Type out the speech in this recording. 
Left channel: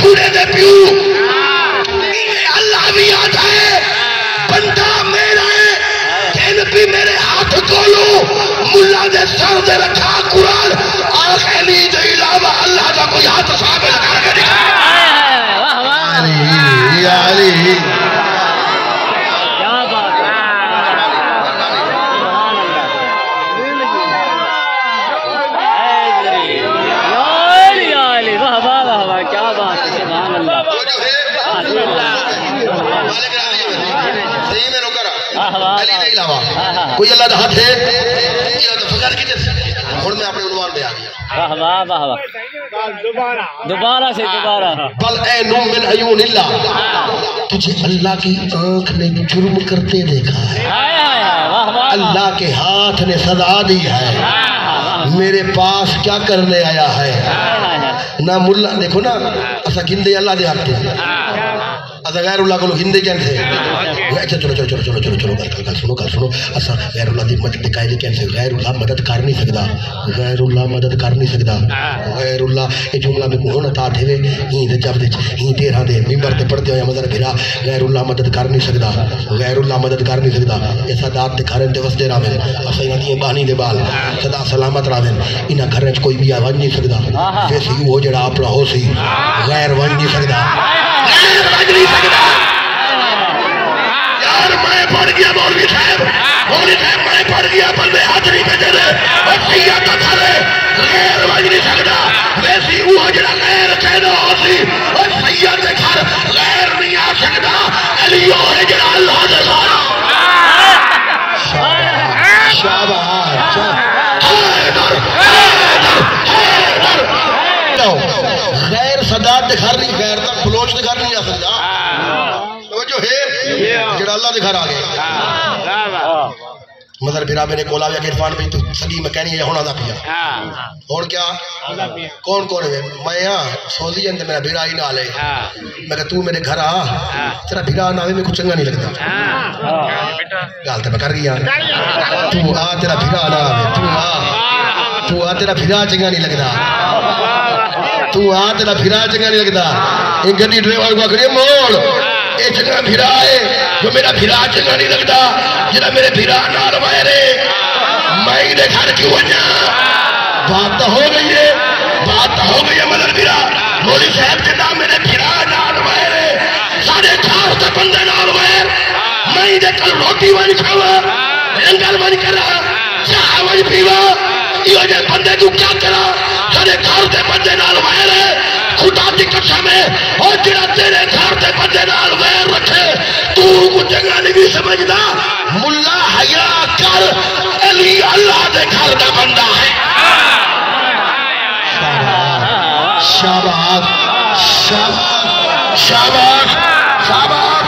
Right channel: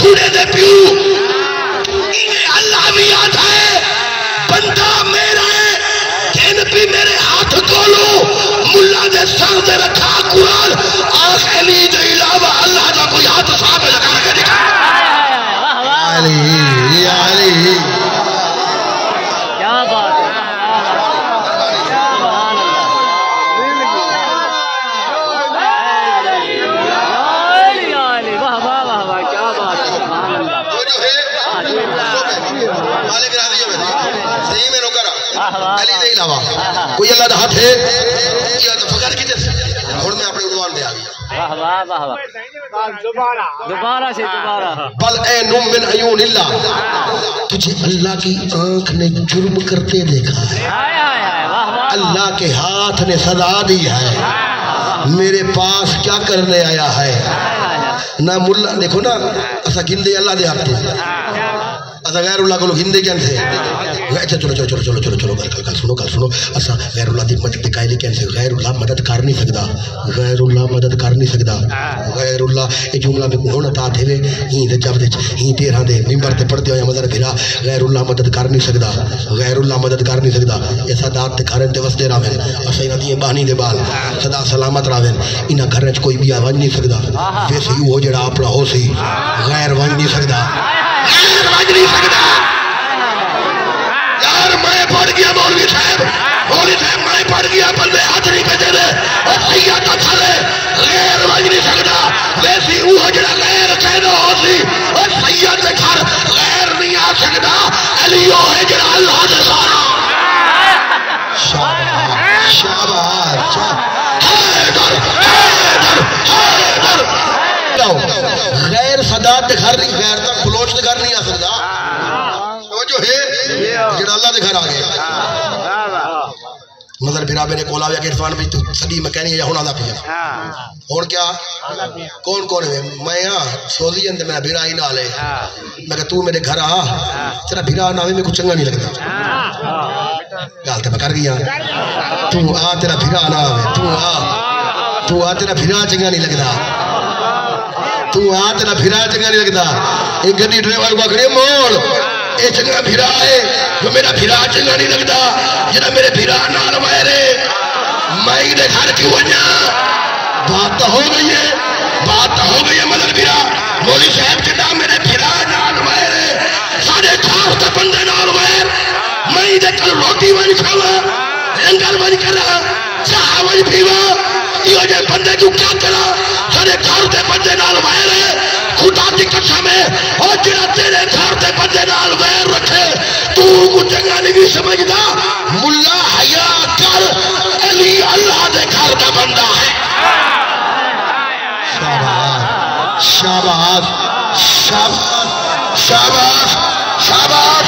چھوڑے دے پیو اللہ بھی آتا ہے بندہ میرا ہے جن بھی میرے ہاتھ کولو ملا دے سر دے رکھا قرآن آخری دے علاوہ اللہ کا کوئی ہاتھ صاحب لگا کے دکھا علی علی کیا بات ہے کوئی اللہ دا ہاتھ ہے فقر کی جیسے اور میں اپنے عنوان دے آ گیا دوبارہ سے دوبارہ بل اے نم من عیون اللہ تجھے اللہ کی آنکھ نے جرم کرتے دیکھا ہے اللہ کے ہاتھ نے سزا دی ہے میرے پاس کیا کرنے آیا ہے نہ ملا دیکھو نا ایسا گندے اللہ دے ہاتھ ایسا غیر اللہ کو لوگ ہندے کیا تھے اچھا چلو چلو چلو چلو چلو چلو کل سنو ایسا غیر اللہ دی مدد قائل کیسے غیر اللہ مدد کر نہیں سکتا غیر اللہ مدد کر نہیں سکتا غیر اللہ یہ جملہ میں کون عطا تھے ہی دے جب دے ہی تیرہ دے ممبر تے پڑھتے ہوئے مدر پھرا غیر اللہ مدد کر نہیں سکتا غیر اللہ مدد کر نہیں سکتا ایسا دات تے گھرن تے وسدے راویں اسا انہاں دی بانی دے بال سدا سلامت راویں انہاں گھرن وچ کوئی بھی آواز نہیں سکتا ویسے وہ جڑا اپنا ہو سی غیر ون نہیں سکتا غیر ون نہیں سکتا میں پڑھ گیا مولوی صاحب میں پڑھ گیا بندے ہاتھ نہیں بچے دے اور سیاد کا تھالے غیر بج نہیں سکتا ویسی وہ جڑا غیر کہنا ہوتی اور سیاد کے گھر غیر نہیں آ سکتا علیو ہے جڑا اللہ دے سارا شاباش شاباش حیدر حیدر حیدر غیر صداد دے گھر نہیں غیر دا خلوچ دے گھر نہیں آ سکتا جو ہے جڑا اللہ دے گھر آ گئے مدر پھر آپ نے کولا ویا کہ عرفان بھی تو صدی میں کہنی ہے ہونا دا پیا اور کیا کون کون ہے میں سوزی اندر میرا بھیرا ہی نہ لے میں کہ تو میرے گھر آ تیرا بھیرا نہ میں کچھ چنگا نہیں لگتا گال تے میں کر گیا تو آ تیرا بھیرا نہ آوے تو آ تیرا بھیرا چنگا نہیں لگتا تو آ تیرا بھیرا چنگا نہیں لگتا ایک گڈی ڈرائیور کو کھڑی موڑ اے چنگا بھیرا ہے جو میرا بھیرا چنگا نہیں لگتا جڑا میرے بھیرا نال وائرے میں دے گھر کیوں ونجا بات تو ہو گئی ہے مدر بھیرا مولی صاحب جڑا میرے بھیرا نال وائرے سارے کھاؤ تے بندے نال وائر میں دے کل روٹی ون کھاوا لنگر ون کرا چاہ ون پیوا یہ جے بندے تو کیا کرا سارے گھر تے بندے نال وائرے خدا دی قسم ہے اور جڑا تیرے گھر تے بندے نال ویر رکھے تو کو چنگا نہیں سمجھدا ملا حیا کر علی اللہ دے گھر دا بندہ ہے شاباش شاباش شاباش شاباش شاباش